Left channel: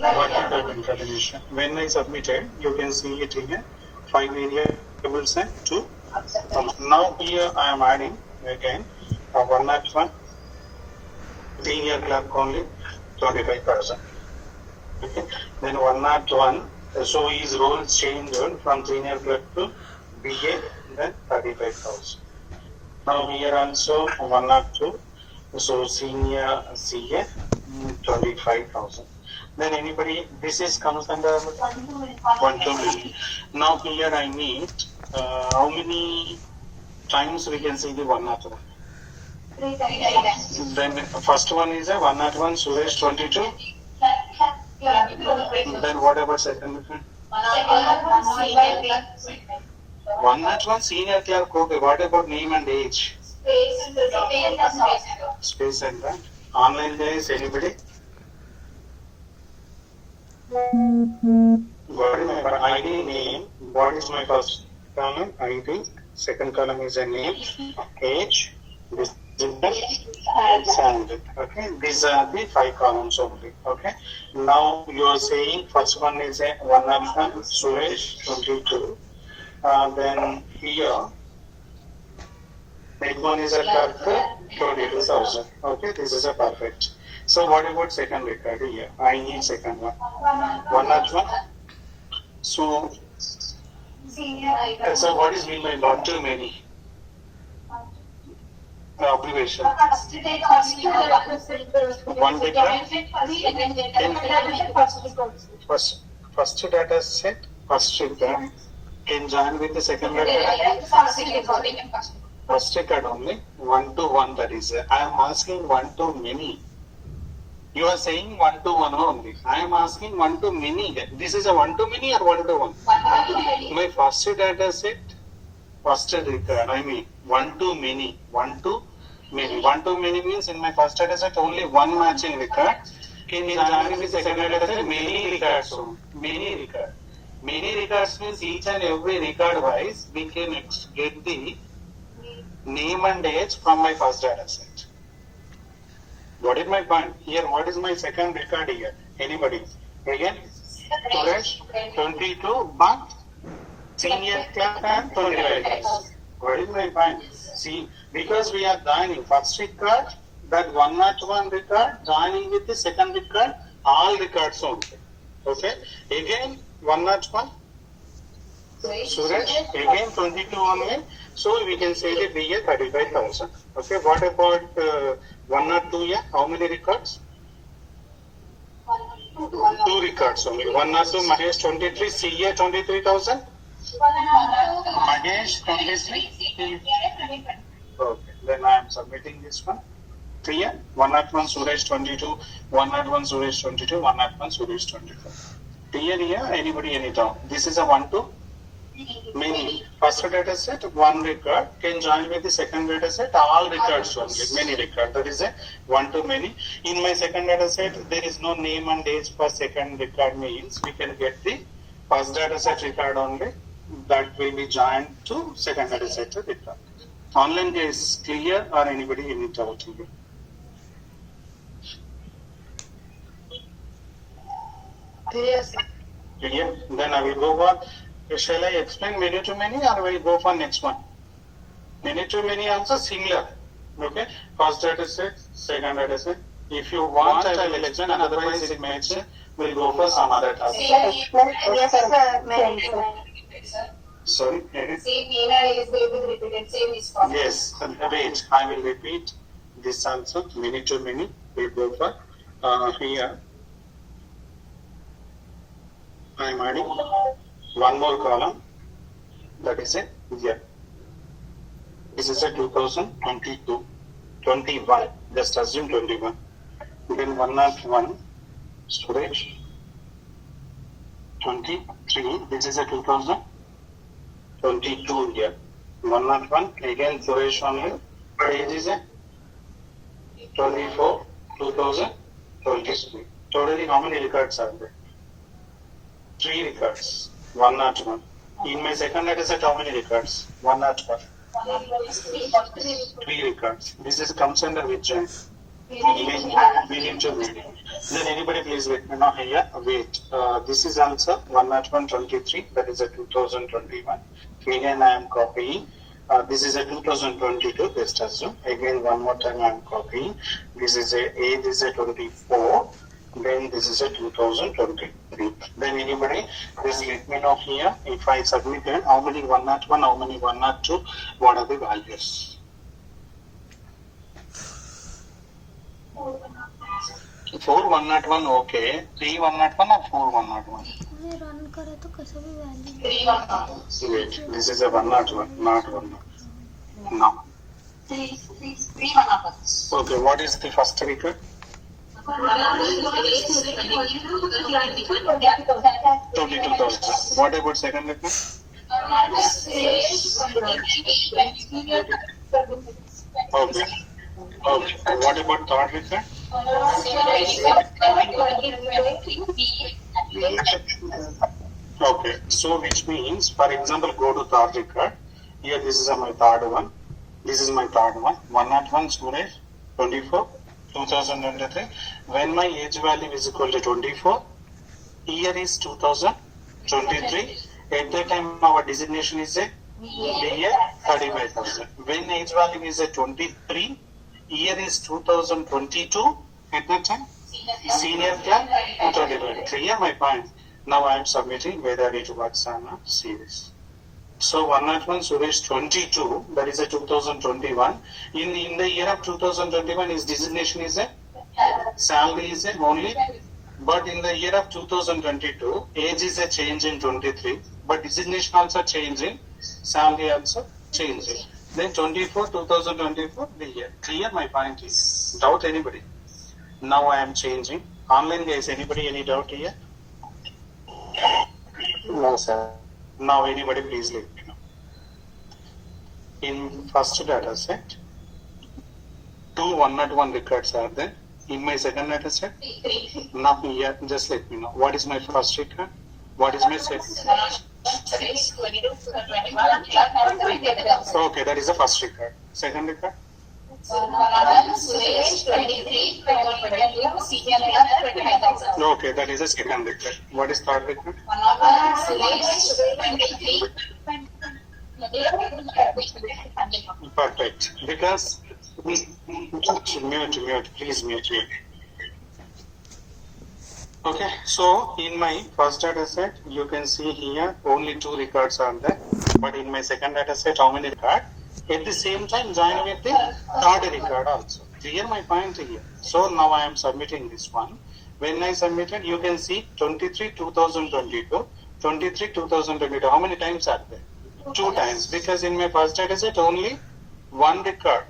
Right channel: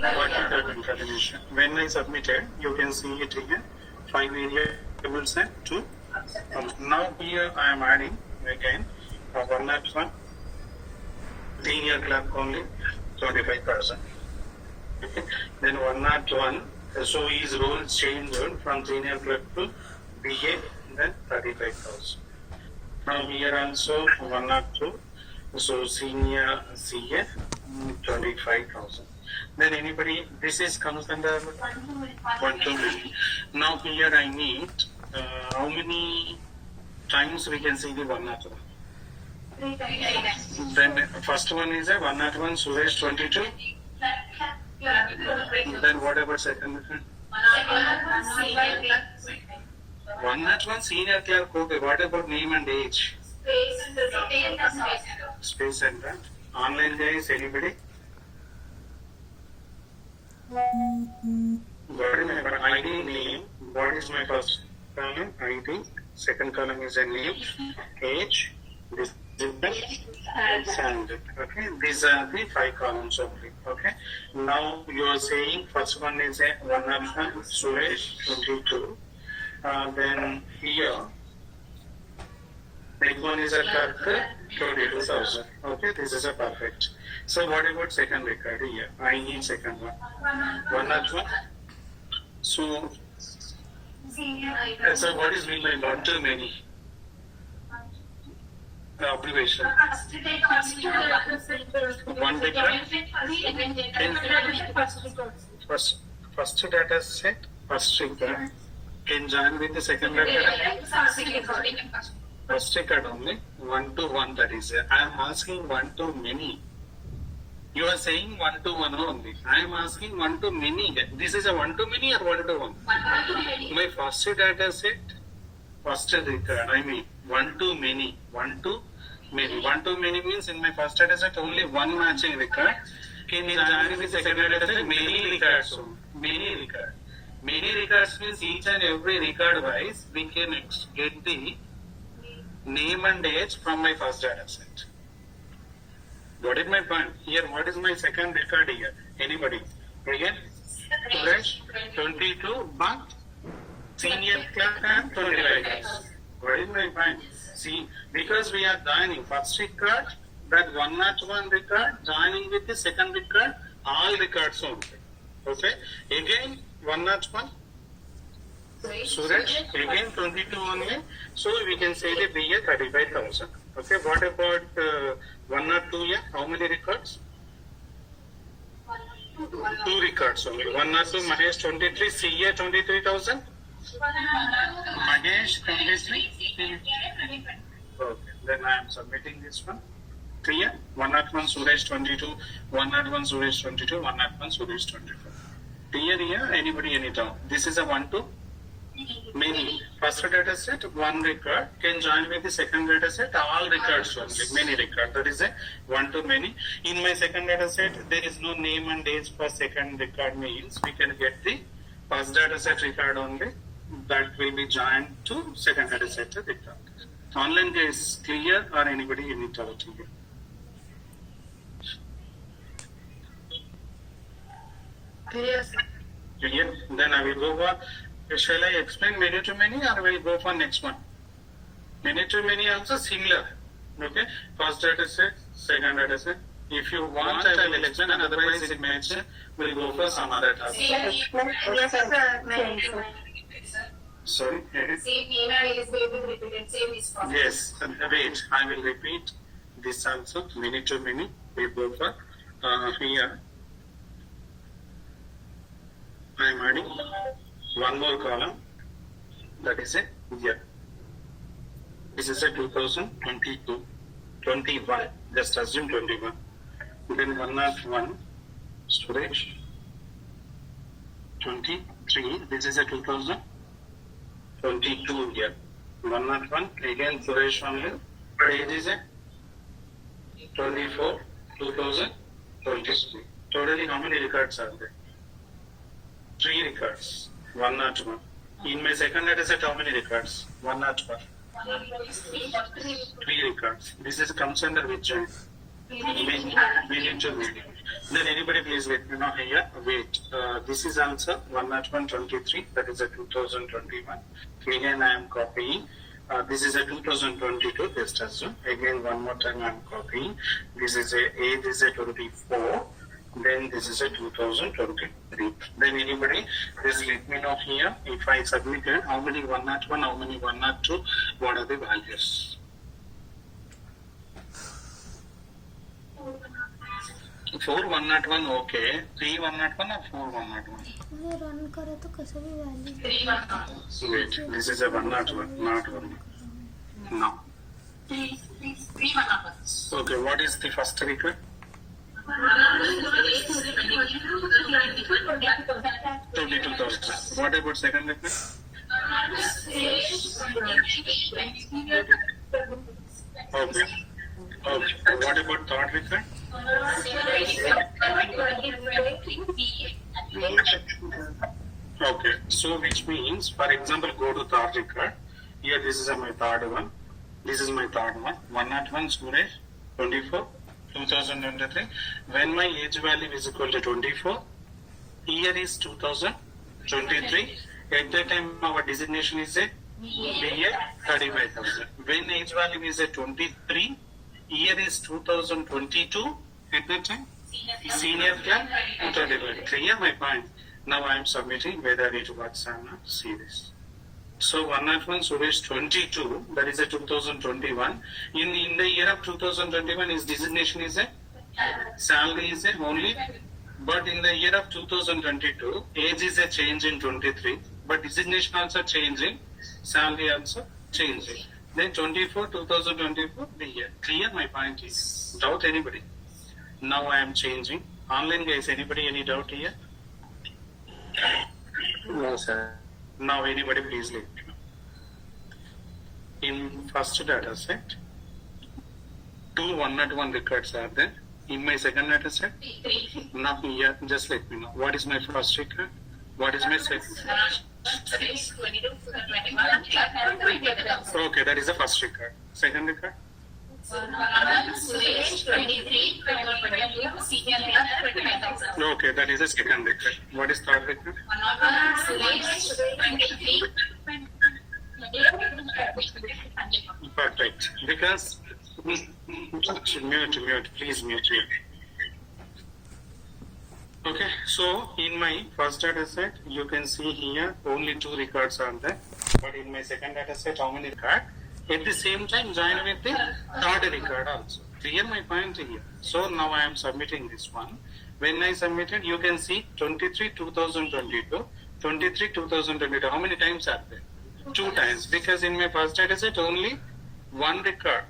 vertical concatenation. When I submitted, you can see it here. 5 variables and 2. Now here I am adding again 101 senior clerk only 25%. Okay. Then 101. So his role changed from senior clerk to BA, then 35,000. Now here also 102. So senior CA 25,000. Then anybody, this is comes under 1 2 million. Now here I need how many times we can see the 101. 3 times. Then first one is a 101 Suresh 22. Then what about second one? 101 senior clerk. Okay. What about name and age? Space and that. Online guys, anybody? What is my ID name? What is my first column? ID. Second column is a name, age, this is the okay. These are the 5 columns only. Okay. Now you are saying first one is a 101 Suresh 22. Then here next one is a clerk 22,000. Okay, this is a perfect. So what about second record here? I need second one. 101. So what is mean by not too many? Observation. One record. First data set. First record can join with the second record. First record only 1 to 1. That is. I am asking 1 to many. You are saying 1 to 1 only. I am asking 1 to many. This is a 1 to many or 1 to 1? My first data set, first record. I mean 1 to many. 1 to many. 1 to many means in my first data set only one matching record. Can you join with second data set? Many records. Many records. Many records means each and every record wise we can get the name and age from my first data set. What is my point? Here, what is my second record here? Anybody? Again? Suresh, 22, but senior clerk and 25. What is my point? See, because we are joining first record, that 101 record, joining with the second record, all records only. Okay? Again, 101. Suresh, again 22 only. So we can say the BA 35,000. Okay, what about 102? Yeah, how many records? 2 records only. 102 Mahesh 23, CA 23,000. Mahesh 23. Okay, then I am submitting this one. Clear? 101 Suresh 22, 101 Suresh 22, 101 Suresh 24. Clear here? Anybody, any doubt? This is a 1 to many. First data set, 1 record can join with the second data set, all records only, many record. That is a 1 to many. In my second data set, there is no name and age for second record means we can get the first data set record only. That will be joined to second data set record. Online guys, clear or anybody any doubt here? Yes. Clear? Then I will go for. Shall I explain many to many or will go for next one? Many to many also similar. Okay? First data set, second data set. If you want, I will explain, and otherwise it makes we'll go for some other task. Sorry? Same email is going to be repeated. Same is possible. Yes. Wait, I will repeat this also. Many to many. We'll go for here. I am adding one more column, that is a year. This is a 2022, 21, just assume 21. Then 101, storage, 23, this is a 2022 year. 101, again storage only, age is a 24, 2023. Totally how many records are there? 3 records. 101. In my second data set, how many records? 101. 3 records. This is comes under which join? We need to wait. Then anybody please let me know here. Wait. This is answer 10123. That is a 2021. Again, I am copying. This is a 2022. Just assume. Again, one more time I am copying. This is this is a 24. Then this is a 2023. Then anybody, please let me know here. If I submitted, how many 101, how many 102, what are the values? 4 101 okay. 3 101 or 4 101? मैं run करे तो कैसे भी value 3 Wait, this is a 101, not 1. No. 3 1 Okay, what is the first record? 22,000. What about second record? Okay. Okay. What about third record? Okay. So which means, for example, go to third record. Here, this is my third one. This is my third one. 101 Suresh, 24, 2023. When my age value is equal to 24, year is 2023. At that time, our designation is a year 35,000. When age value is a 23, year is 2022. At that time, senior class 35. Clear my point. Now I am submitting whether it works or not. See this. So 101 Suresh 22, that is a 2021. In the year of 2021, his designation is a salary is a only, but in the year of 2022, age is a change in 23, but designation also changing, salary also changing. Then 24, 2024, the year. Clear my point is? Doubt anybody? Now I am changing. Online guys, anybody any doubt here? No, sir. Now anybody please let me know. In first data set, 2 101 records are there. In my second data set, now here just let me know. What is my first record? What is my second? Okay, that is the first record. Second record? Okay, that is the second record. What is third record? Perfect. Because mute, please mute. Okay, so in my first data set, you can see here only 2 records are there. But in my second data set, how many records? At the same time, join with the third record also. Clear my point here. So now I am submitting this one. When I submitted, you can see 23 2022, 23 2022. How many times are there? 2 times. Because in my first data set, only 1 record.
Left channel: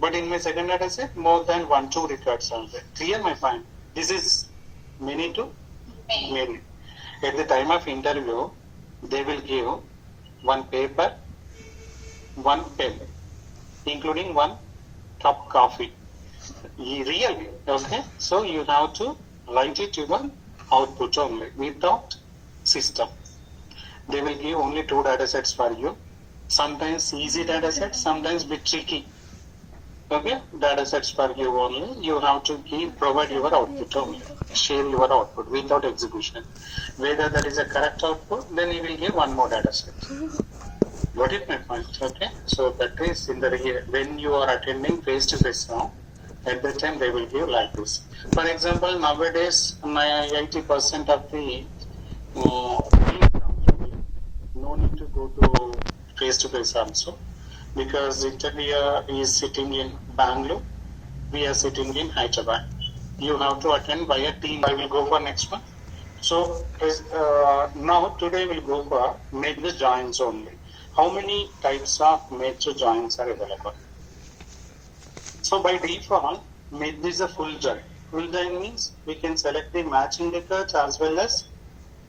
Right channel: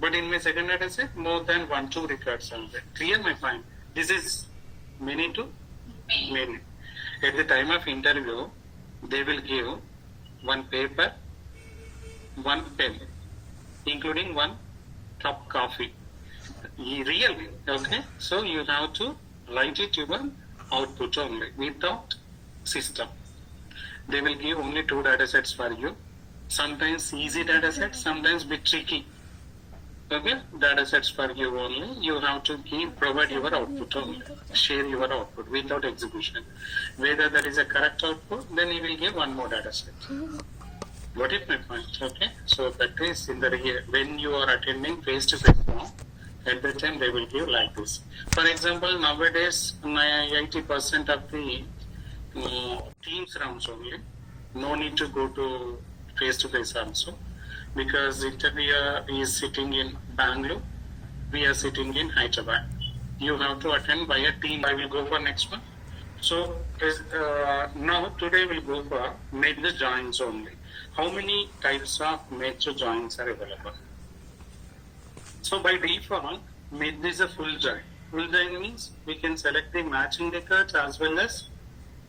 But in my second data set, more than 2 records are there. Clear my point. This is many to many. At the time of interview, they will give 1 paper, 1 pen, including 1 cup coffee. Really, okay? So you have to write it your output only without system. They will give only 2 data sets for you. Sometimes easy data sets, sometimes bit tricky. Okay, data sets for you only. You have to provide your output only. Share your output without execution. Whether that is a correct output, then you will give 1 more data set. Got it, my point? Okay. So that is in the when you are attending face to face now, at that time they will give like this. For example, nowadays 80% of the Teams rounds only. No need to go to face to face also. Because interviewer is sitting in Bangalore, we are sitting in Hyderabad. You have to attend via team. I will go for next one. So now today we'll go for major joins only. How many types of major joins are available? So by default, major is a full join. Full join means we can select the matching records as well as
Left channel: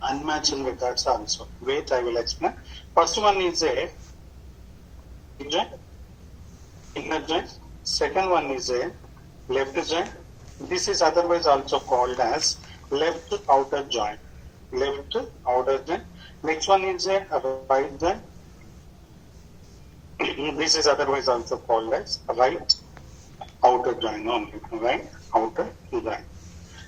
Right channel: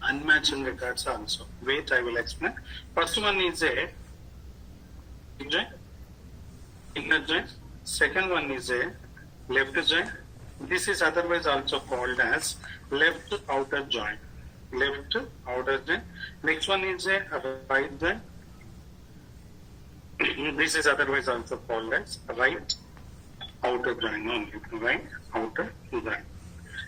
unmatching records also. Wait, I will explain. First one is a join, inner join. Second one is a left join. This is otherwise also called as left outer join. Left outer join. Next one is a right join. This is otherwise also called as right outer join only, right? Outer join.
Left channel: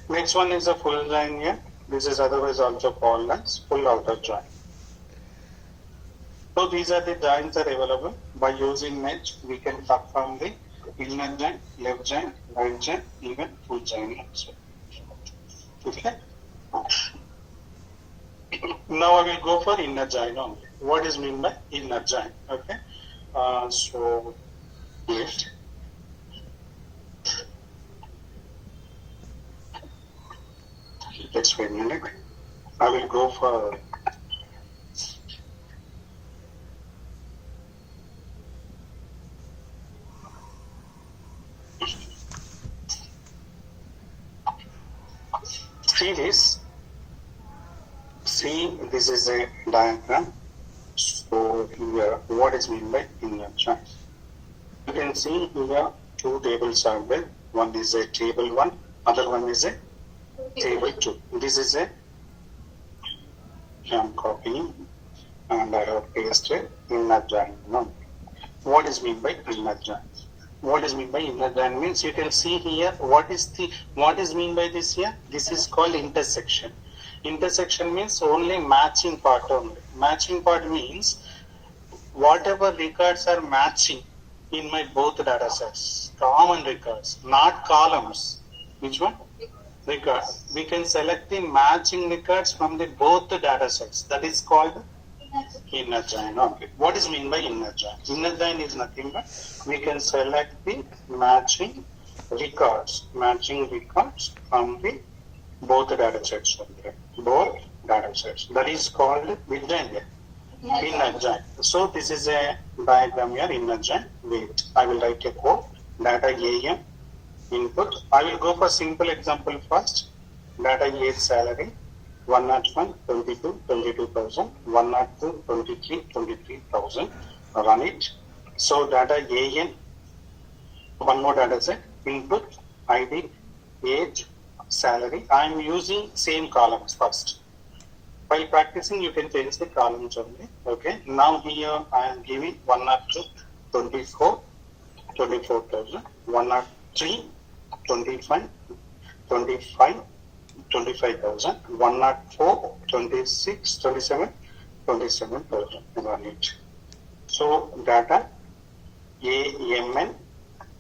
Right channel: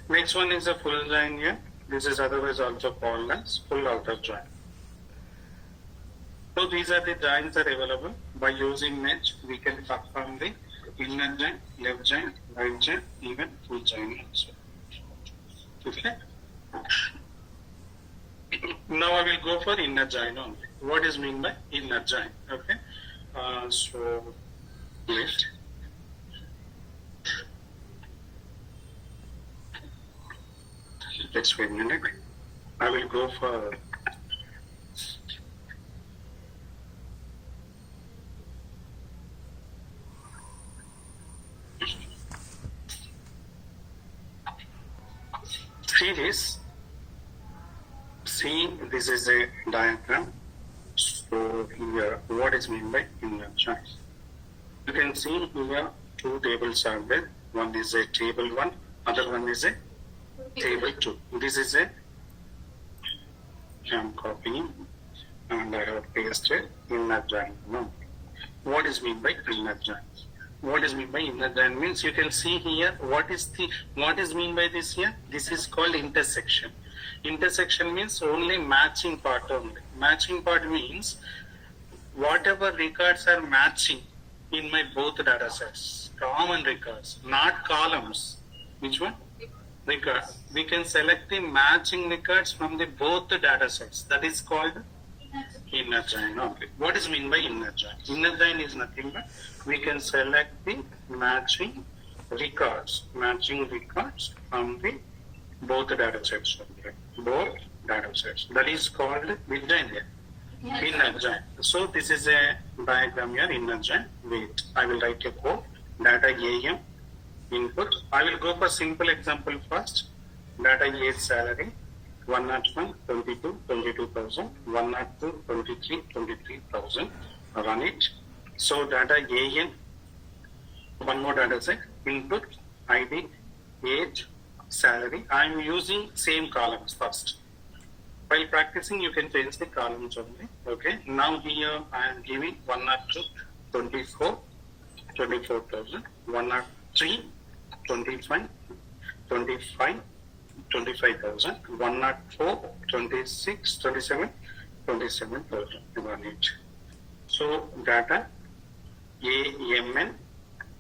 Next one is a full join here. This is otherwise also called as full outer join. So these are the joints that are available. By using mesh, we can perform the inner join, left join, right join, even full join also. Okay. Now I will go for inner join only. What is mean by inner join? Okay. So wait. Let's wait a minute. I will go for see this. See, this is a diagram. So here, what is meant by inner join? You can see here two tables are there. One is a table 1, other one is a table 2. This is a I am copying and I have pasted inner join. No. What is meant by inner join? What is meant by inner join means you can see here what is mean by this here? This is called intersection. Intersection means only matching part only. Matching part means whatever records are matching in my both data sets, common records, not columns. Which one? Record. We can select the matching records from the both the data sets. That is called inner join only. What is mean by inner join? Inner join is nothing but we can select the matching records from the both the data sets only. Both data sets. That is called which join here? Inner join. So this is a diagram here, inner join. Wait, I will write a code. Data AM input. I will go for simple example first. Data A salary 101, 22, 22,000, 102, 23, 23,000. Run it. So data AN, one more data set, input, ID, age, salary. I am using same columns first. While practicing, you can change the columns only. Okay. Now here I am giving 102, 24, 24,000, 103, 25, 25, 25,000, 104, 26, 27, 27,000. Run it. So data AMN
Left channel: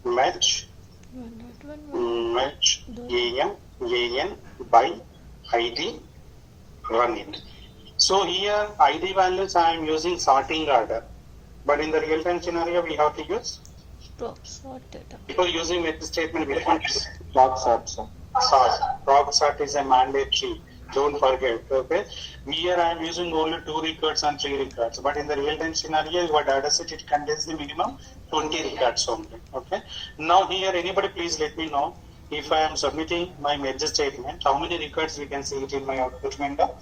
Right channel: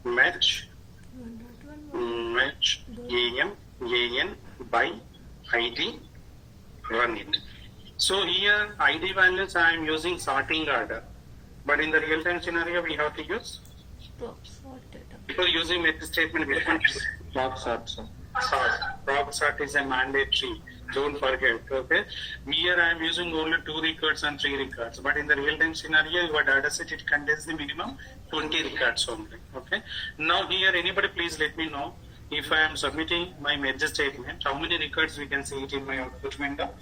match AM by ID. Run it. So here ID values I am using sorting order, but in the real time scenario we have to use because using method statement we can Proc sort. Proc sort is a mandatory. Don't forget. Okay. Here I am using only 2 records and 3 records, but in the real time scenario, your data set it contains the minimum 20 records only. Okay. Now here, anybody please let me know if I am submitting my merge statement, how many records we can see it in my output window?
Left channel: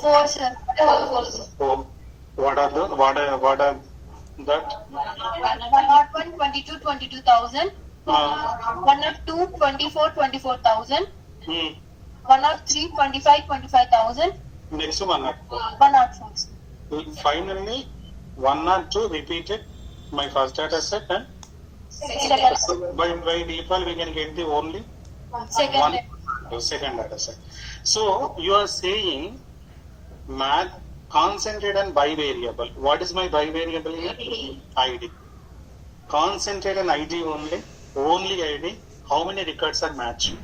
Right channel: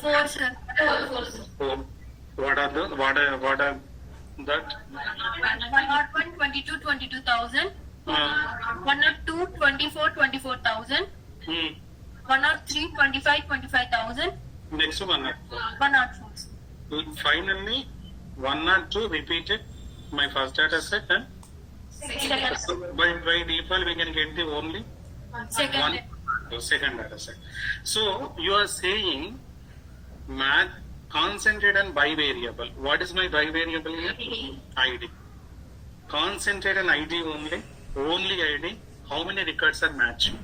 4, sir. 4, sir. So what are that? 101, 22, 22,000. 102, 24, 24,000. 103, 25, 25,000. Next one. 104. Finally, 102 repeated my first data set and so by default we can get the only Second. second data set. So you are saying math concentrate on bivariable. What is my bivariable here? ID. Concentrate on ID only. Only ID. How many records are matching?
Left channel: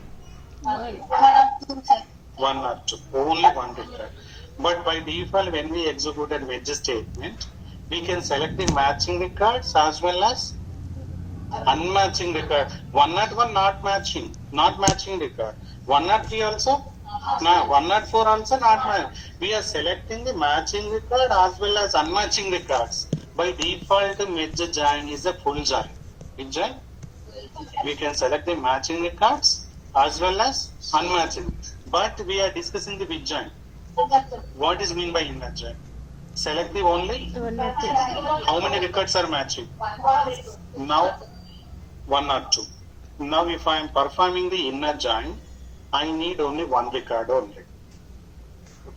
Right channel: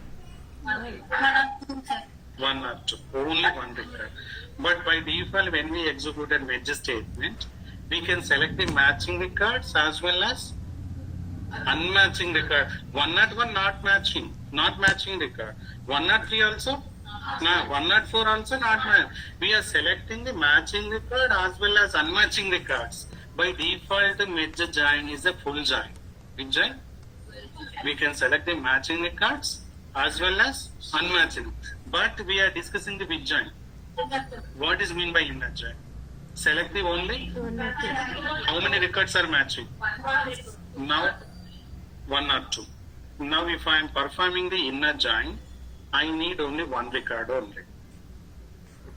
102, sir. 1 or 2. Only one record. But by default, when we executed wedge statement, we can select the matching records as well as unmatching record. 101 not matching record. 103 also, no, 104 also not matching. We are selecting the matching record as well as unmatching records. By default, the merge join is a full join. Which join? We can select the matching records as well as unmatching. But we are discussing the which join. What is mean by inner join? Select the only. How many records are matching? Now 1 or 2. Now if I am performing the inner join, I need only one record only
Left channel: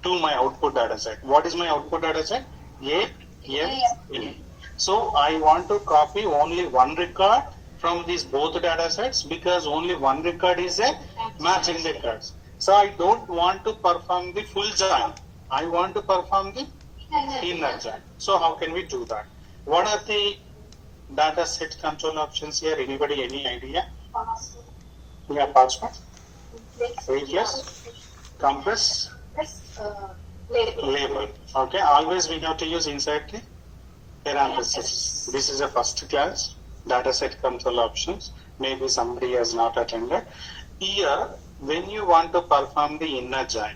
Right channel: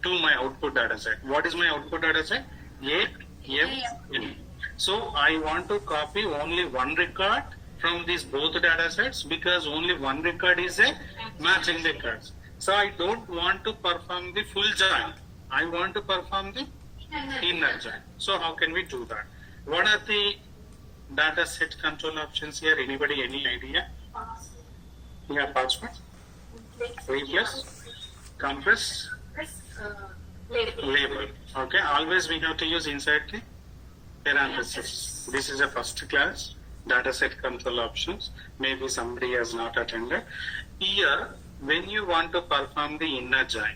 to my output data set. What is my output data set? A, M, N. So I want to copy only one record from these both data sets because only one record is a matching records. So I don't want to perform the full join. I want to perform the inner join. So how can we do that? What are the data set control options here? Anybody, any idea? Yeah, password, replace, compress, label. Okay, always we have to use inside the parenthesis. This is a first class data set control options. Maybe somebody has not attended. Here, when you want to perform the inner join,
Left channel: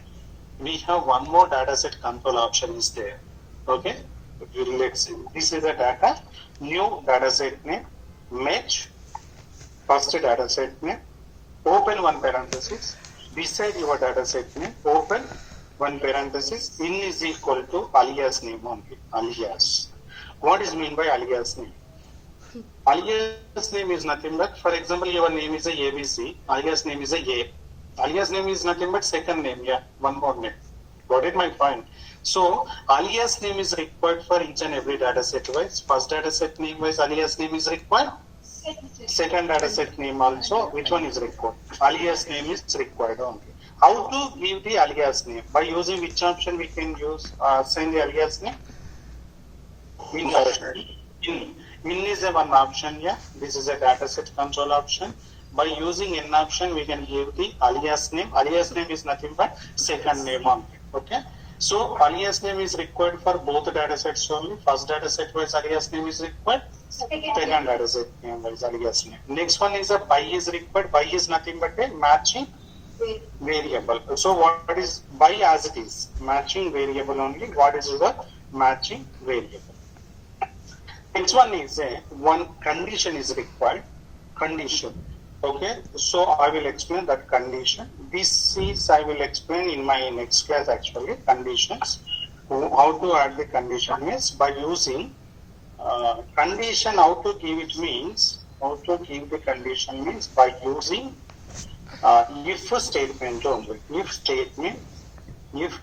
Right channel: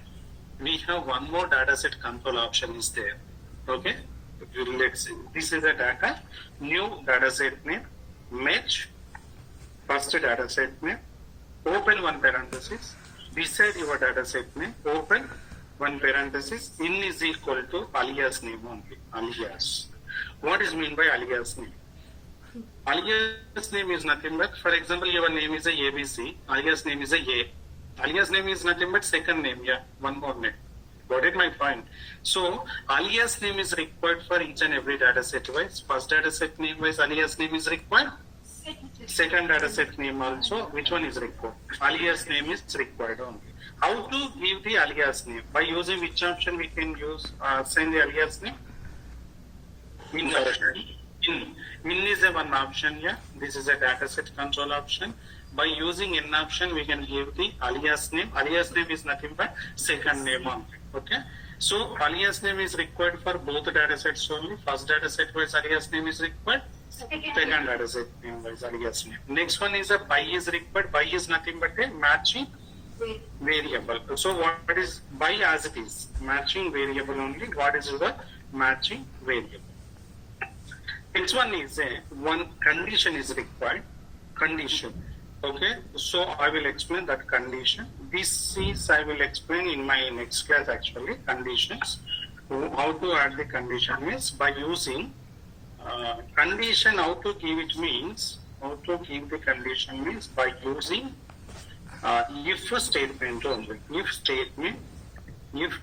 we have one more data set control option is there. Okay, let's see. This is a data, new data set name, match, first data set name, open one parenthesis, beside your data set name, open one parenthesis, in is equal to alias name only, alias. What is mean by alias name? Alias name is nothing but, for example, your name is a ABC, alias name is a A. Alias name is nothing but second name, yeah, one more name. Got it, my point? So, alias name is required for each and every data set wise. First data set name wise, alias name is required. Second data set name also, which one is required? Alias name is required only. How to give the alias name? By using which option we can use, assign the alias name? In option. In is a one option, yeah. This is a data set control option. By using in option, we can give the alias name. Alias name is nothing but second name only. Okay. So alias name is required for both data sets only. First data set wise alias name is required. Second data set name wise alias name. Next one is a by is required. By is nothing but a matching variable. So what is by as it is? Matching variable only. What is the matching variable? Next one is a one condition is required. Condition. Okay, so I will explain that condition. This is I will explain in my next class actually, conditions. How to add the condition is by using condition. How to give it means, how to give the condition means by using if statement only. If statement, if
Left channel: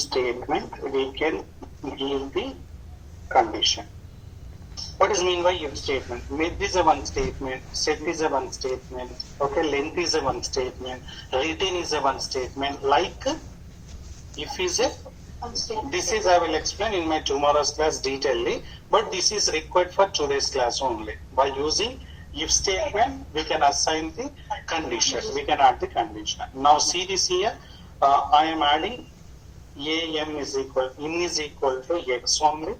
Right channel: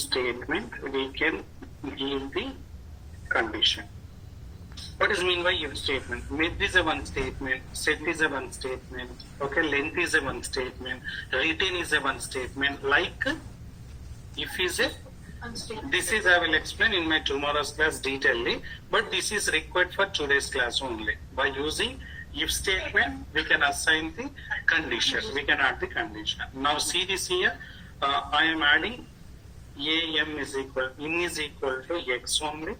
statement, we can give the condition. What is mean by if statement? Mid is a one statement, set is a one statement, okay, length is a one statement, retain is a one statement, like if is a, this is I will explain in my tomorrow's class detailedly, but this is required for today's class only. By using if statement, we can assign the condition, we can add the condition. Now see this here, I am adding AM is equal, in is equal to X only.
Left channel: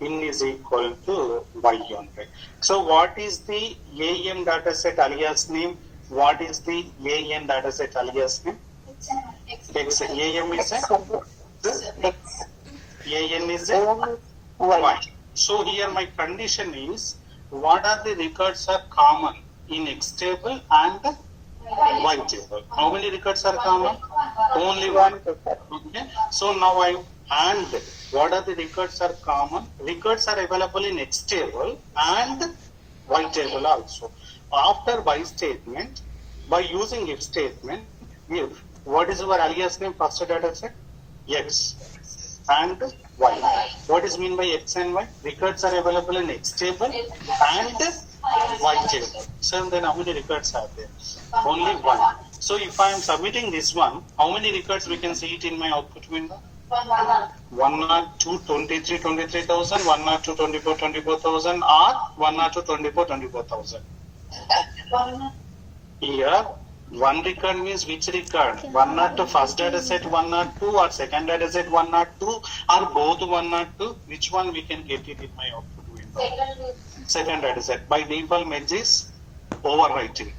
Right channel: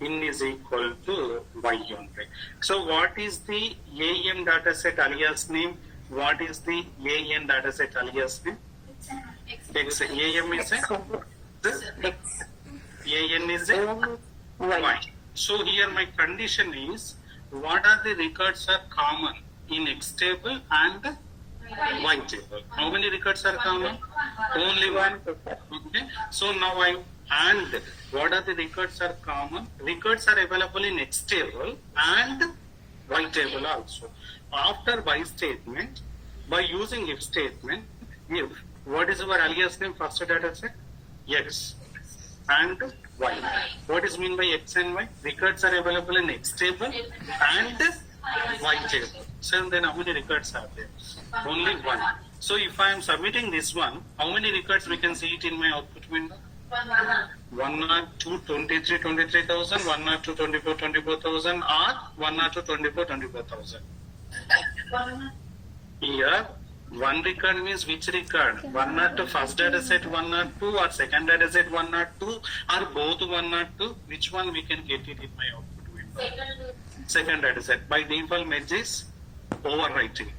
In is equal to Y only. So what is the AM dataset alias name? What is the AN dataset alias name? X. AM is a X. AN is a Y. So here my condition is what are the records are common in X table and Y table. How many records are common? Only one. Okay. So now and what are the records are common? Records are available in X table and Y table also. After by statement, by using if statement, if what is our alias name first data set? X and Y. What is mean by X and Y? Records are available in X table and Y table. So then how many records are there? Only one. So if I am submitting this one, how many records we can see it in my output window? 102, 23, 23,000, 102, 24, 24,000, or 102, 24, 24,000. Here, one record means which record? 102 first data set 102 or second data set 102 or both 102. Which one we can get it in my output window? Second data set. By default, match is overwriting.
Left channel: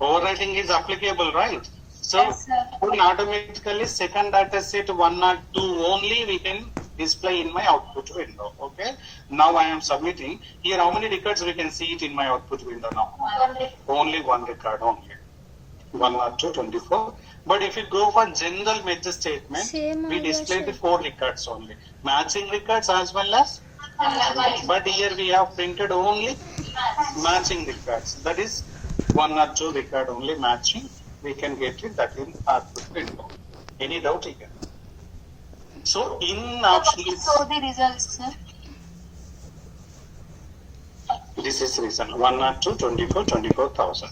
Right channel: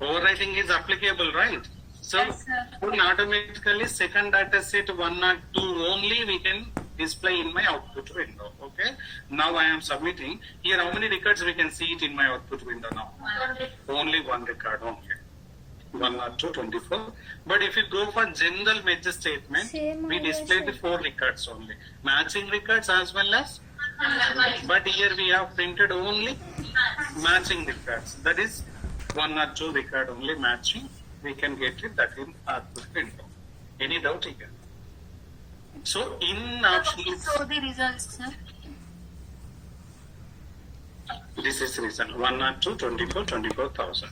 Overwriting is applicable, right? So, yes, automatically second data set 102 only we can display in my output window. Okay. Now I am submitting. Here how many records we can see it in my output window now? Only one record only. 102, 24. But if you go for general match statement, we display the 4 records only. Matching records as well as, but here we have printed only matching records. That is 1 or 2 record only matching. We can get it that in output window. Any doubt here? So in Please options, show the results, sir. this is reason 1 or 2, 24, 24,000.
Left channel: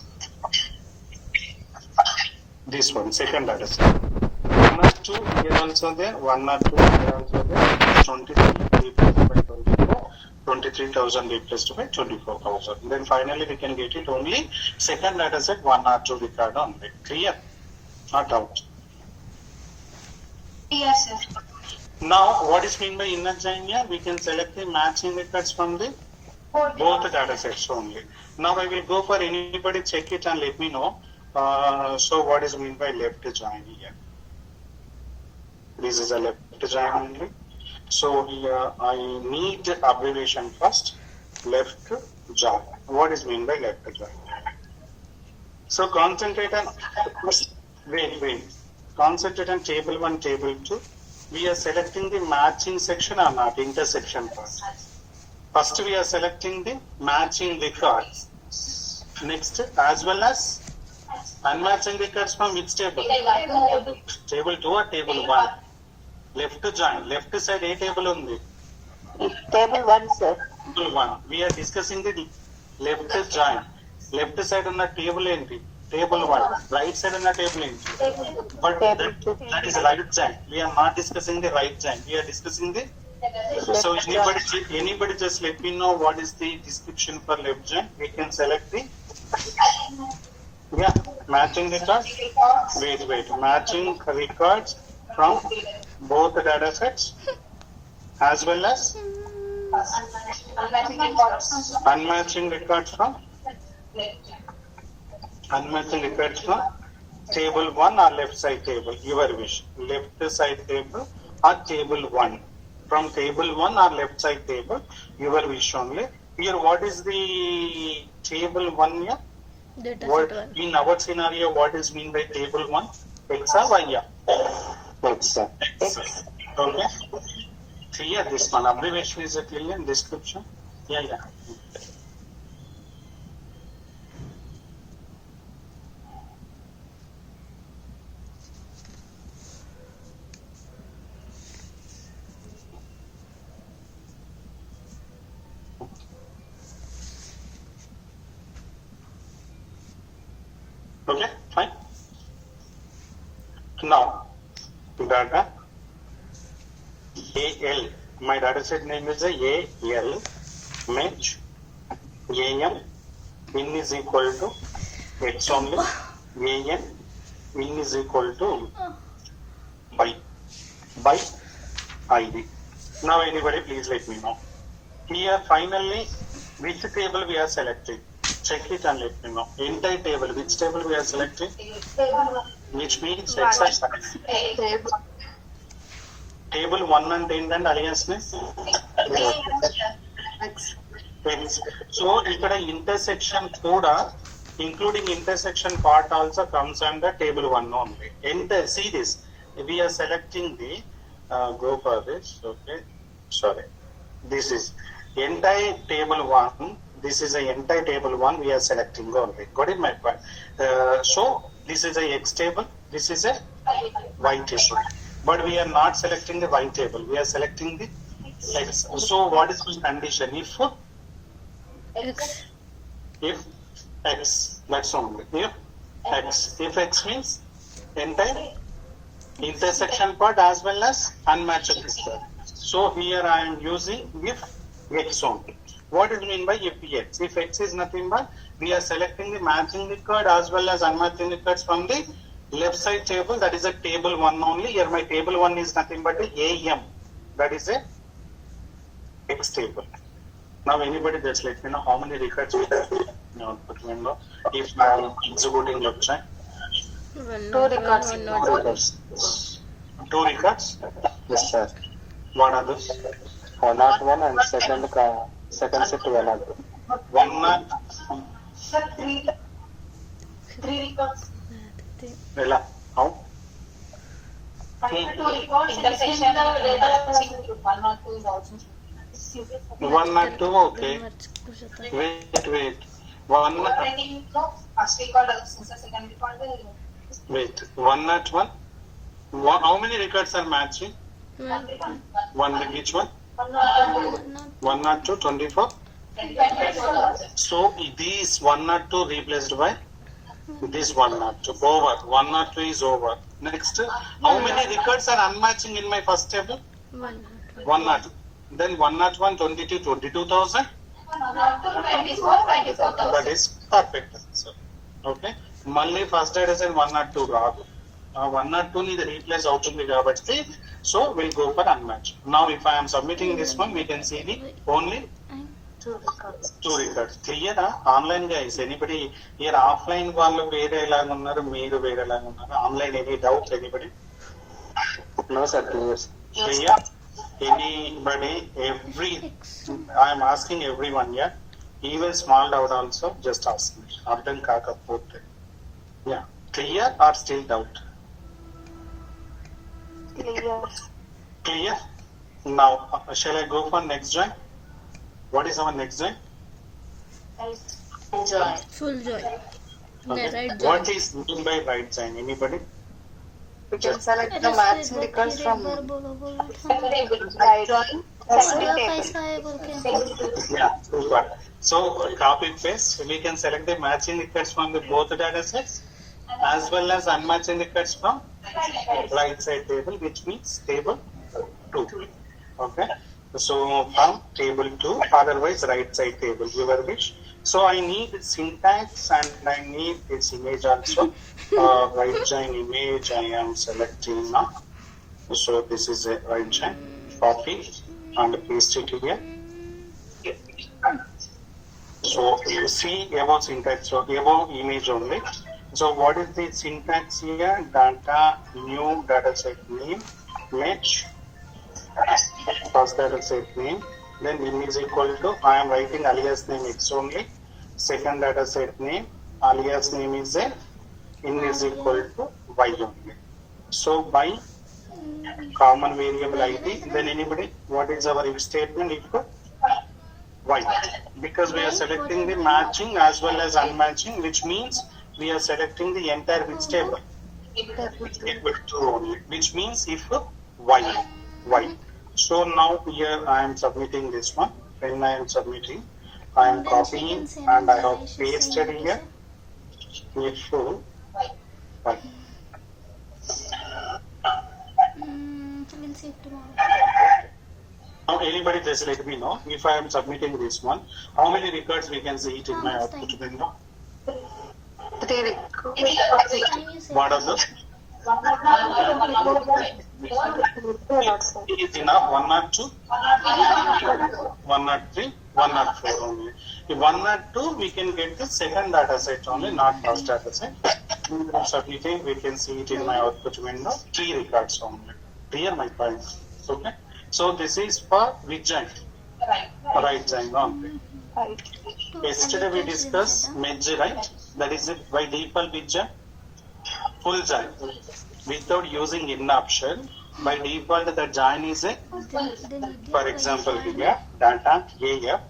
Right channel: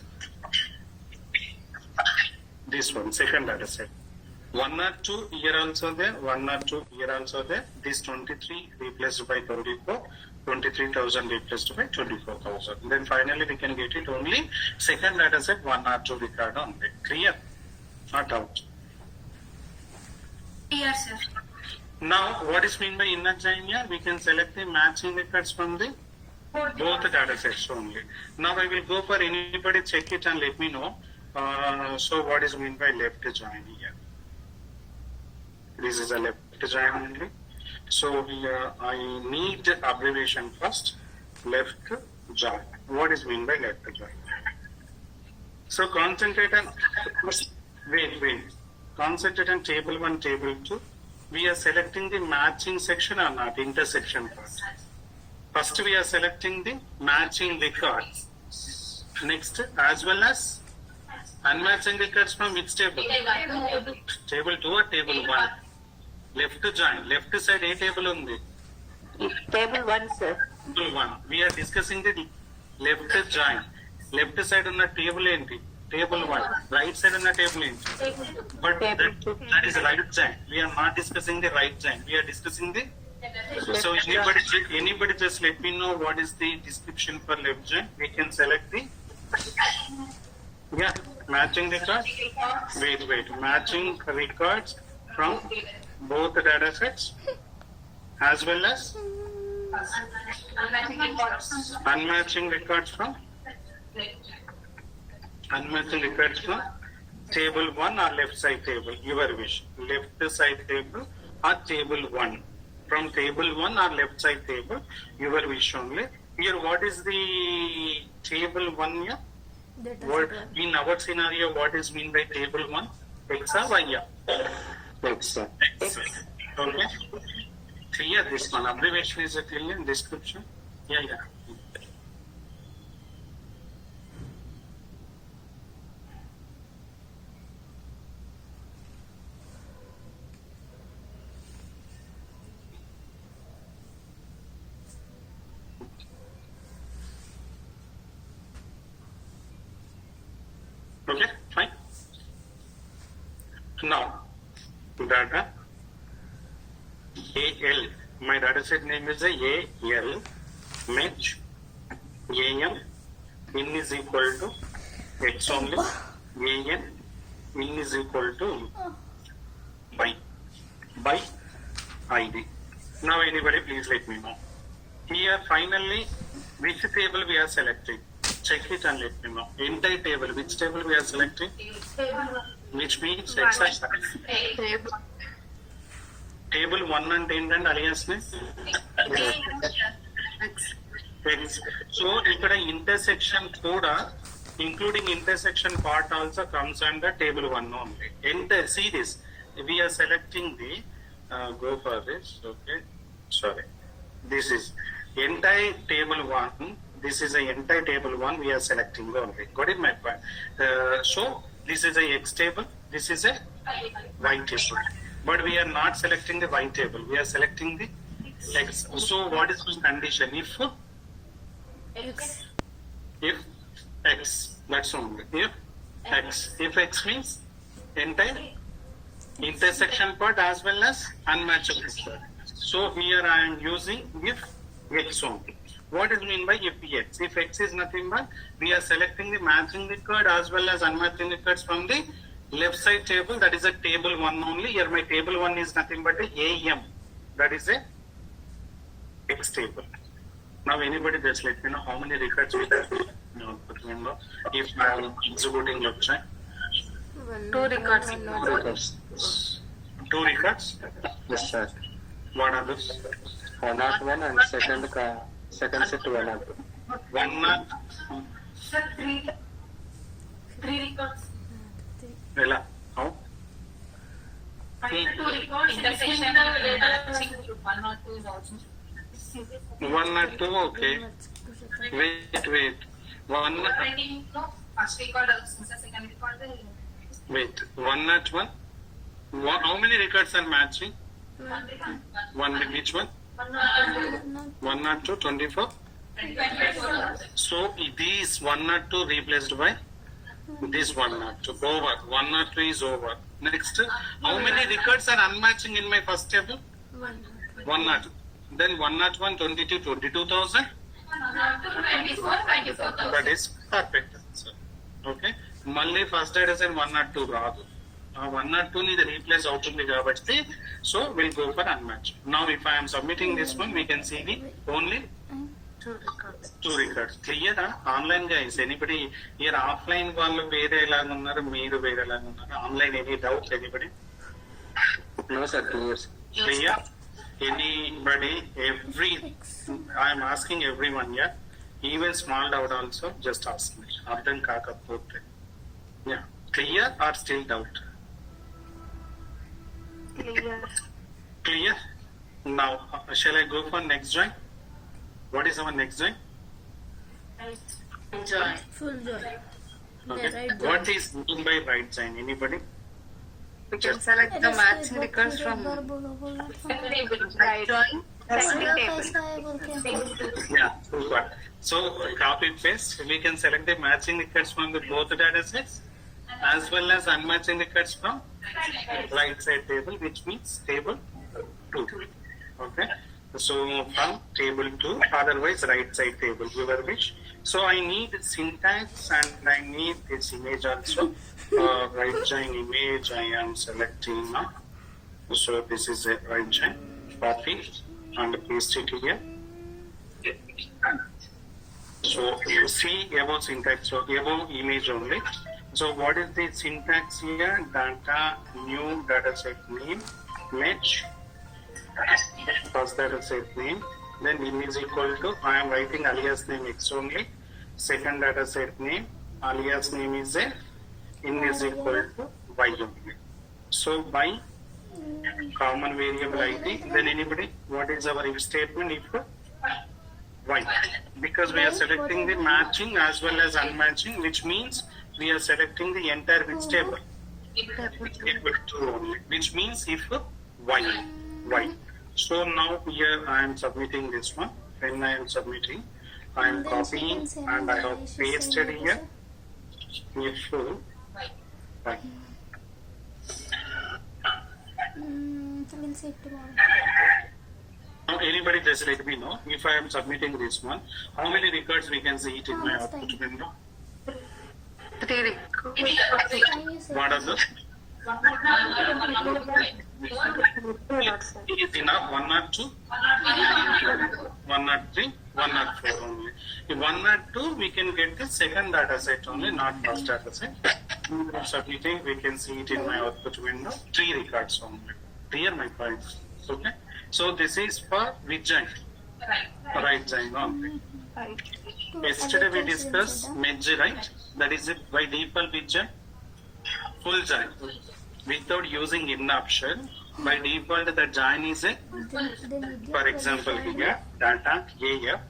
This one, second data set. 1 or 2 here also there, 1 or 2 here also there. It's 23 replaced by 24, 23,000 replaced by 24,000. Then finally we can get it only second data set 1 or 2 record only. Clear? Not out. Yes, sir. Now what is mean by inner join here? We can select the matching records from the both data sets only. Now I will go for anybody, check it and let me know. So what is mean by left join here? This is a left join only. So here I need abbreviation first. Left join. What is mean by left join? So concentrate on wait. Concentrate on table 1, table 2. We are selecting the matching section or not, intersection part. First we are selecting the matching records. Next, as well as unmatching records from which table? Table 2 or table 1? Left join. Left side a table undi? Table 1, sir. Table 1. We are discussing the left join. Left side on the table enti? Table 1. Right side on the table enti? But that is right join. We are not discussing the right join. We are discussing the. So anybody just let me know what is the description for left join. We can select the matching records. Wait. Matching records from both the data sets as well as unmatching records from table 1 or left side table, your wish. Left side table or table 1. From table 1 or left side table, your wish only. Here, what is the table 1 here? Data What set 1. in our scenario, what is mean by table 1? X or Y? X. Okay. Clear this one. Abbreviation is a clear description. Yeah. Okay, fine. Now, data AL. My data set name is a AL. Match AM. In is equal to X only. AN. In is equal to by ID. Now, anybody, please let me know. Here, finally, which table we are selecting? Check it and let me know. Entire table, which table we are selecting? Which means X. Table 1 and 10 and alliance name? X. So, ఇక్కడ intersection కూడా, including intersection part also comes under table 1 only. See this. We are selecting the, go for this, okay. Sorry. This is entire table 1. This is a entire table 1 we are selecting only. Got it, my point? So this is a X table. This is a Y table. But we are not selecting the Y table. We are selecting the X. So what is the condition? If X, that's only. If X. If X means entire intersection part as well as unmatched part. So here I am using if X only. What is mean by if X? If X is nothing but we are selecting the matching record as well as unmatching records from the left side table. That is a table 1 only. Here my table 1 is nothing but a AM. That is a X table. Now anybody just let me know how many records we have in the output window. If I am executing left side. 2 records. 2 records? Yes, sir. What are those? 101 and second set 102. 101. Sir, 3 records. Ella, how? 2 records. Intersection data. 102 is also. 102, okay. Wait. First record, second record. Wait, 101. How many records are matching? One which one? 102, 24. So these 102 replaced by this 102. Over. 102 is over. Next, how many records are unmatching in my first table? 102. Then 101, 22, 22,000. That is perfect answer. Okay. మళ్ళీ first data set 102 రాదు. 102 ని replace అవుతుంది కాబట్టి so will go for unmatch. Now if I am submitting this one we can see the only 2 records. Clear online guys? Anybody here offline వాళ్ళు వేరే లాగా ఉన్నారు, మీరు వేరే లాగా ఉన్నారు. Online any doubt anybody? No, sir. Clear, sir. Clear? Anybody? I am asking everyone, yeah? Even small doubt also, just ask me. Ardhan kaakapote. Yeah. Clear or still doubt? Clear. Clear? Now, shall I go for next join? What is our next join? Full joy. Okay. Right join. What is mean by right join? Anybody? We can select the matching records from Right join. second table. कैसा है बोल के Yeah, super. So copy paste. We can select the matching records from the both data sets as well as unmatching records from right side table, which means table 2. Okay. So from table 2, otherwise right side table, your wish. So I need syntax and I need this image also. Right join image I am selecting now. So this is a right join. Copy and paste it here. So you see above syntax, so above image only. So what is the syntax here? Data, new data set name, match, first data set name, then name is equal to, I am writing alias name X only, second data set name, alias name is a, in is equal to Y only. So by common variable ID, then anybody, what is our if statement equal? Y. Because we are selecting the matching as well as unmatching, which means we are selecting the entire which table? Table 2 only, which means if Y. Y. So now here I am submitting this one. When I am submitting, I am And then copying she can say and I have she pasted say here. If Y. we'll see it tomorrow. Now anybody just let me know if I am submitting this one, how many records we can see it in my Next output time. window? 3 records. Can you say What are those? Is enough 102, 103, 104 only. If 102 we can get the second data set only, not first data set. Submitting, we can see it in my output window, 3 records only. Clear my point? Okay. So this is for which join? Right join only. Right. to Yesterday we allocate discussed them, merge, right? That is it by default which join? Full join. Without using in option, by default the join is a, they need for example here, data AF,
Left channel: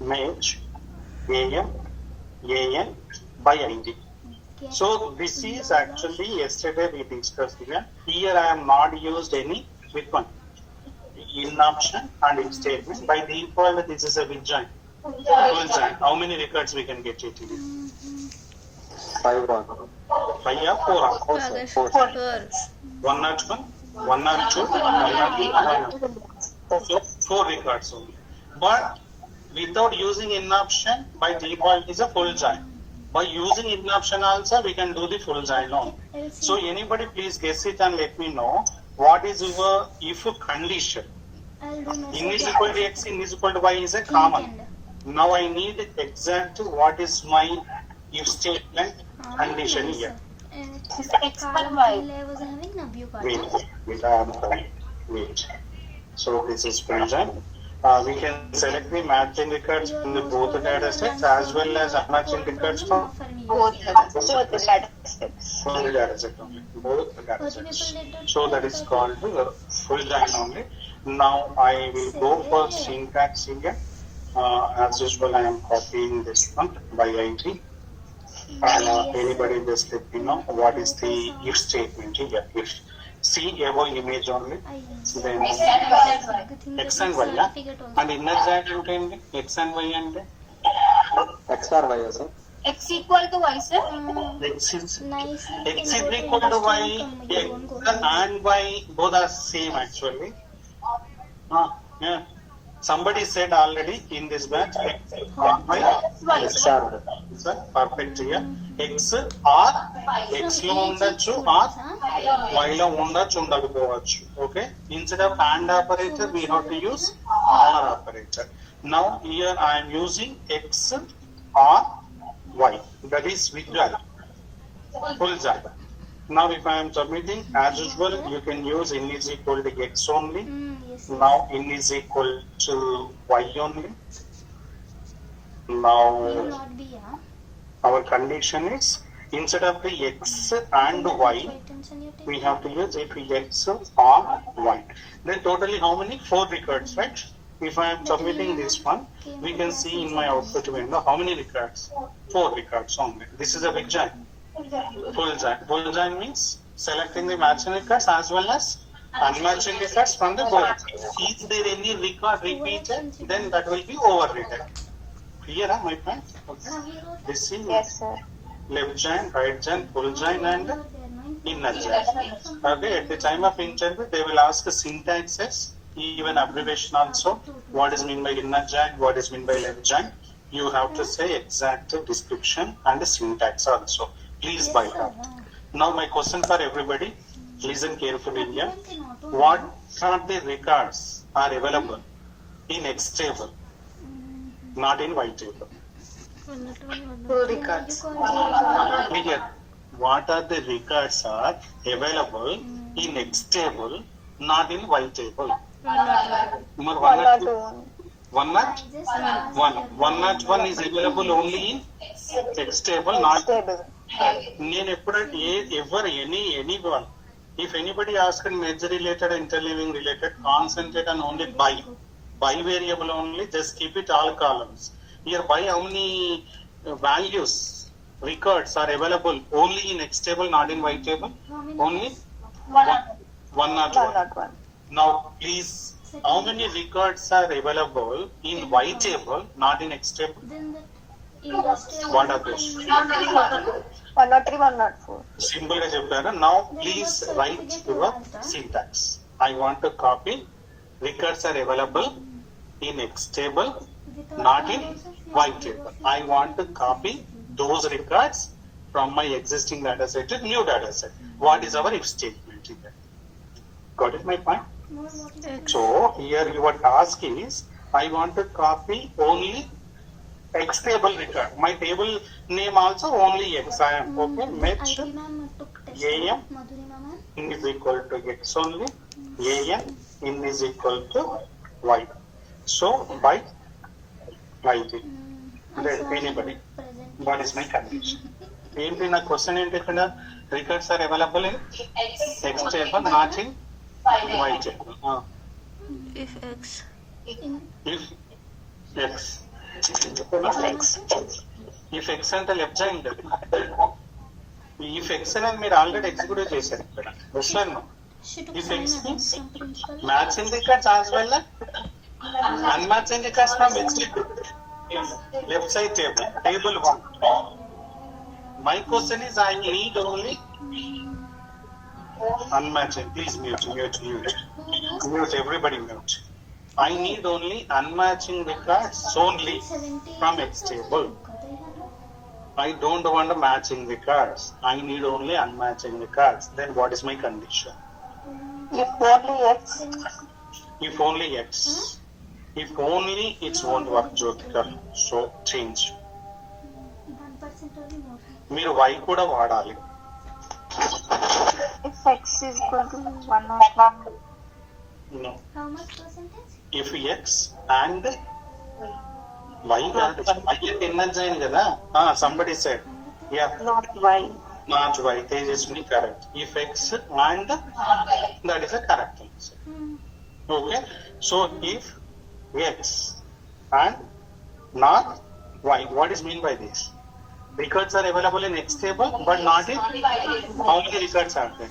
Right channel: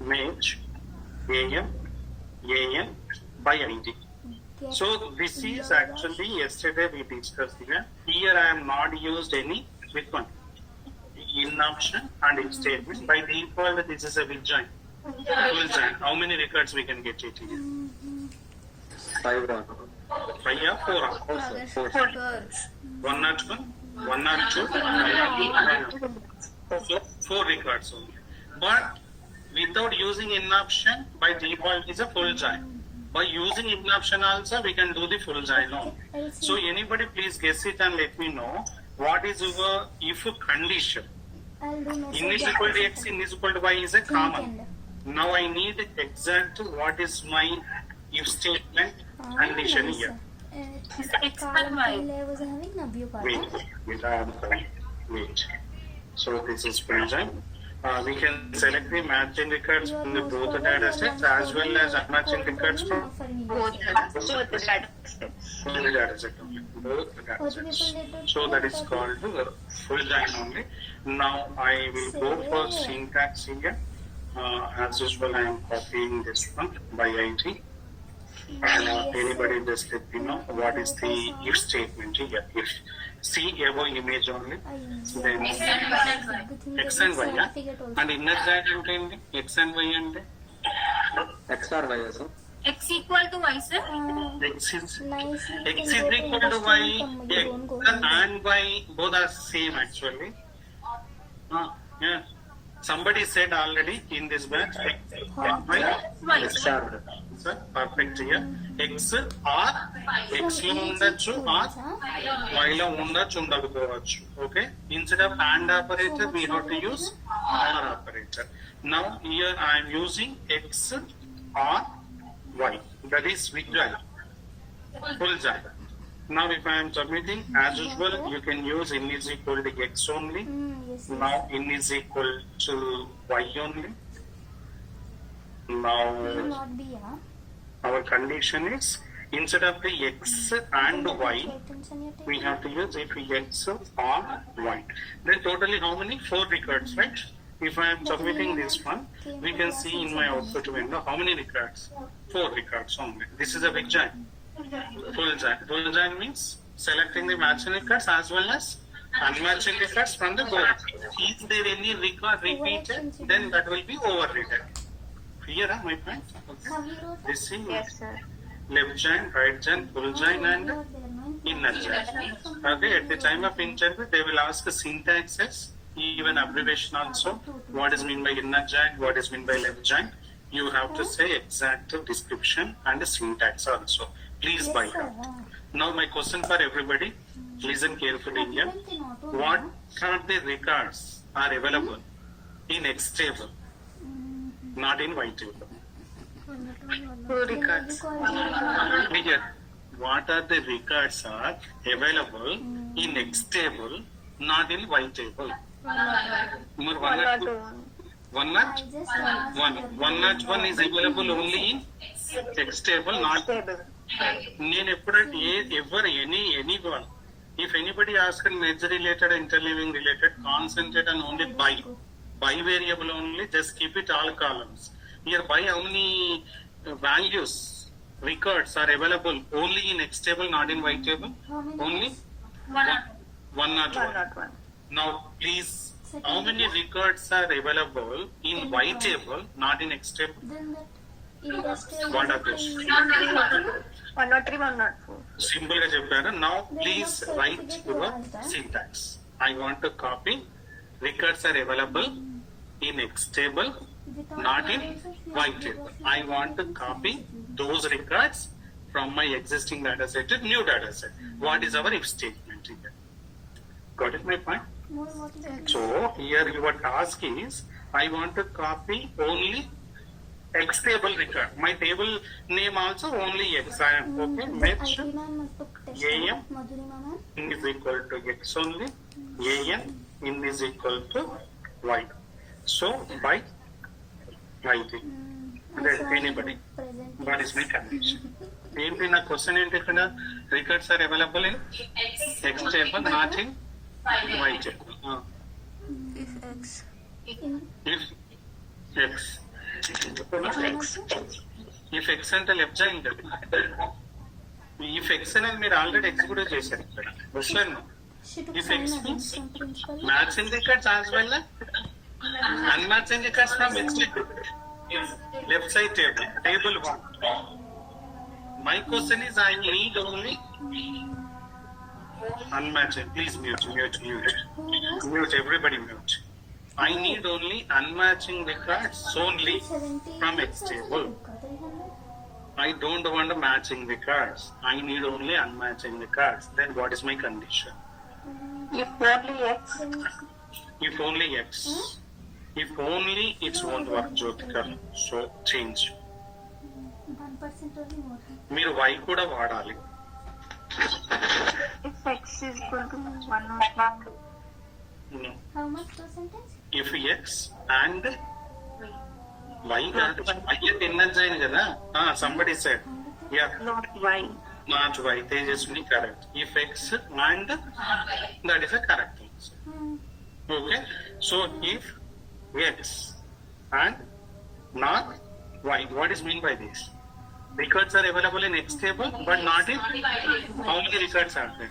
match, AM, AN by ID. So this is actually yesterday we discussed here. Here I am not used any with one in option and in statement. By default this is a with join. Full join. How many records we can get it here? 5 1. 5 or 4? Four, sir. 4. 101, 102, 102. So 4 records only. But without using in option, by default is a full join. By using in option also, we can do the full join only. So anybody please guess it and let me know what is your if condition. I'll do In is equal to x, in is equal to y is a common. Now I need exact what is my if statement condition here. Column was having a view part. Wait. So this is full join. We can select the matching records from the both data sets as well as unmatching records from Both the data sets. the data set only. Both the data sets. So that is called full join only. Now I will go for syntax here. As usual, I am copying this one by ID. Anybody just let me know what is the if statement here. If see above image only, then X and Y, yeah? And inner joint ఏంటి X and Y అంటే X or Y, sir? X equal to Y, sir. X is equal to Y. X and Y both are same actually. Yeah. Somebody said already in this batch X and Y. X or Y. Sir, perfect here. X or X లో ఉండొచ్చు or Y లో ఉండొచ్చు ఉండకపోవచ్చు. Okay. Instead of and operator we have to use or operator. Now here I am using X or Y. That is visual. Full job. Now if I am submitting as usual you can use in is equal to X only. Yes. Now in is equal to Y only. Now Will not be, yeah. our condition is instead of the X and Y we have to use it X or Y. Then totally how many? 4 records, right? If I am submitting this one, we can see in my output window how many records? 4 records only. This is a big giant. Full giant. Full giant means selecting the matching records as well as unmatching records from the board. Is there any record repeated? Then that will be overridden. Clear, my point? Okay. This is Yes, sir. left giant, right giant, full giant and inner giant. Okay, at the time of interview, they will ask the syntaxes, even abbreviation also. What is meant by inner giant, what is meant by left giant. You have to say exact description and the syntax also. Please by heart. Now my question for everybody, listen carefully here. What are the records are available in X table, not in Y table? 2 records. Here, what are the records are available in X table, not in Y table? Number 101 is available only in X table, not Stable. నేను ఎప్పుడంటే ఎవరు anyone if anybody asks major related interleaving related concentrate on only by variable only, just keep it all columns. Here by how many values records are available only in X table, not in Y table? Only 101. Now please, how many records are available in Y table, not in X table? Then that industrial What are those? 103, 104. Simple గా చెప్పారు. Now please write your syntax. I want to copy records are available in X table, not in Y table. I want to copy those records from my existing data set to new data set. What is our if statement here? Got it my point? So here your task is I want to copy only X table record. My table name also only X. I am okay. Match AM is equal to X only. AM in is equal to Y. So by IT. Then anybody. That is my condition. ఏంటి నా question ఏంటి ఇక్కడ records are available in X table not in Y table if X if X అంటే left joint if X అనేది మీరు already executive చేశారు ఇక్కడ వస్తున్నాను she took If sign X against means some principal. Matching records as well అన్మ్యాచింగ్ records from X left side table 1. My question is I need only unmatching. Please mute. Everybody mute. I need only unmatching records only from X table. I don't want a matching records. I need only unmatching records. Then what is my condition? If only X. If only X. If only it won't work, Jyotikar. So change. 1% only more. మీరు Y కూడా వాడాలి. If X is equal to 101. No. How much percentage? If X and Y కాదు. Y అంటే inner join కదా. Somebody said. Yeah. Not Y. Not Y. Tejaswini correct. If X and that is a correct answer. Okay. So if X and not Y, what is mean by this? Records are available in X table, but not in how many records are there?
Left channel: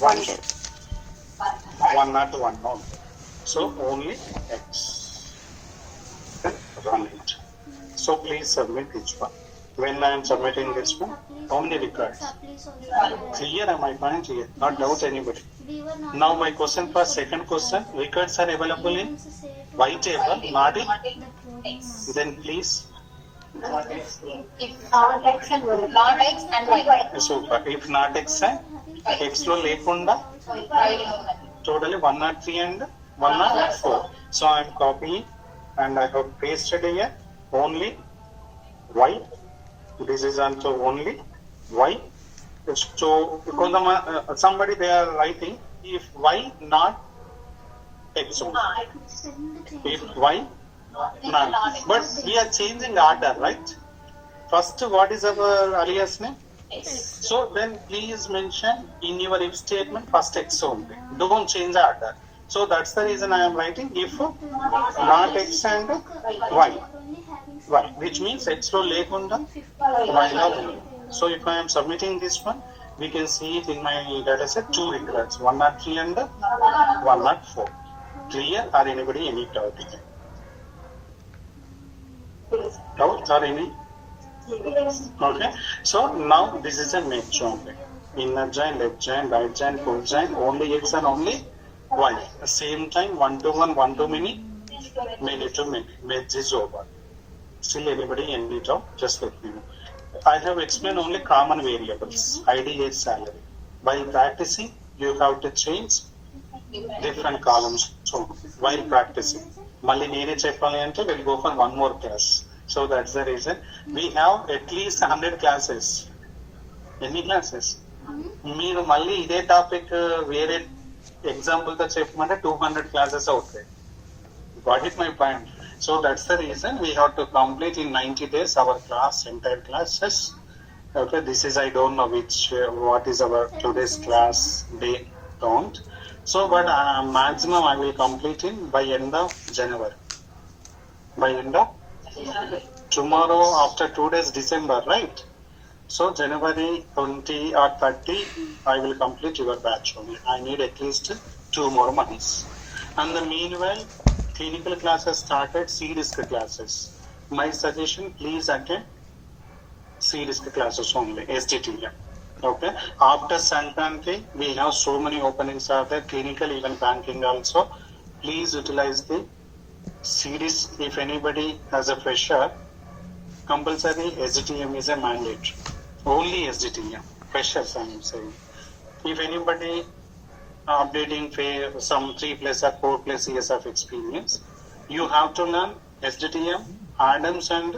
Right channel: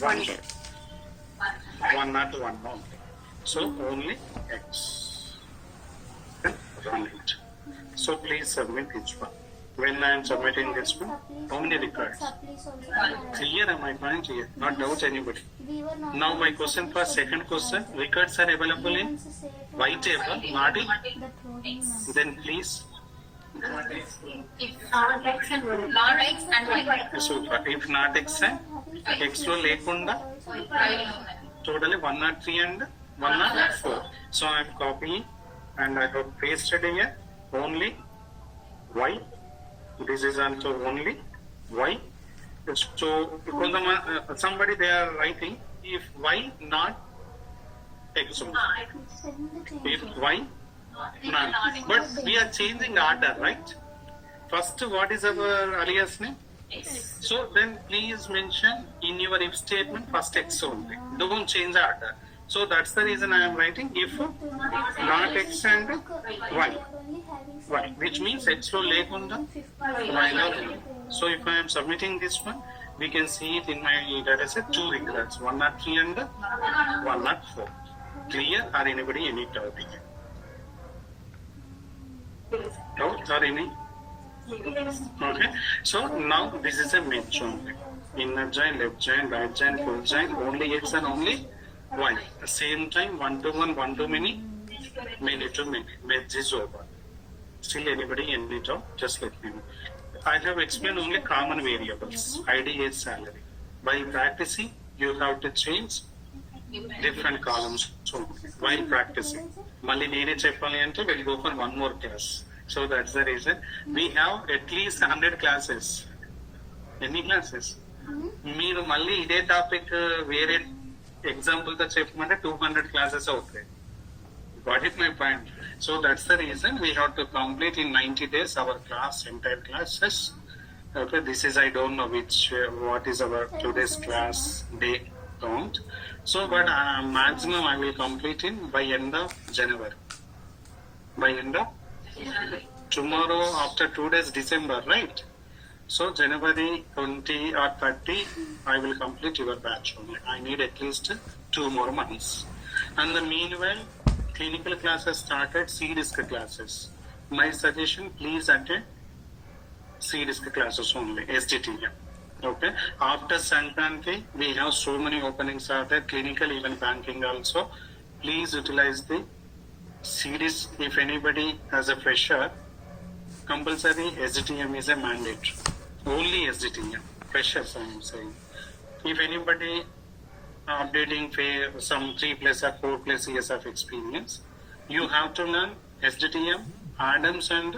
One. One not one. No. So only X. Then run it. So please submit each one. When I am submitting this one, how many records? Clear, am I fine? Clear. Not doubt anybody. Now my question for second question, records are available in Y table, not in. Then please. If not X and Y. Super. If not X and X lo lekunda, totally 103 and 104. So I am copying and I have pasted here only Y. This is also only Y. So because somebody they are writing if Y not X only. If Y not. But we are changing order, right? First, what is our alias name? So then please mention in your if statement first X only. Don't change the order. So that's the reason I am writing if not X and Y. Y, which means X lo lekunda Y lo lekunda. So if I am submitting this one, we can see it in my data set 2 records, 103 and 104. Clear or anybody any doubt here? Doubt or any? Okay. So now this is a match only. Inner join, left join, right join, full join, only X and only Y. Same time 1 to 1, 1 to many, many to many. Match is over. Still anybody any doubt? Just let me know. I have explained only common variables, ID, age, salary. By practicing, you have to change different columns. So while practicing, Mali nene cheppali ante we'll go for one more class. So that's the reason we have at least 100 classes. Any classes? మీరు మళ్ళీ ఇదే topic వేరే example తో చెప్పమంటే 200 classes అవుతాయి. Got it my point? So that's the reason we have to complete in 90 days our class, entire classes. Okay, this is I don't know which what is our today's class day don't. So but maximum I will complete in by end of January. By end of tomorrow after 2 days December, right? So January 20 or 30 I will complete your batch only. I need at least 2 more months. And the meanwhile clinical classes started, C-disc classes. My suggestion, please attend C-disc classes only, SDTM. Okay. After Sankranti, we have so many openings are there, clinical, even banking also. Please utilize the C-disc. If anybody has a fresher, compulsory SDTM is a mandate. Only SDTM. Freshers, I am saying. If anybody updating some 3+ or 4+ years of experience, you have to learn SDTM, Adams and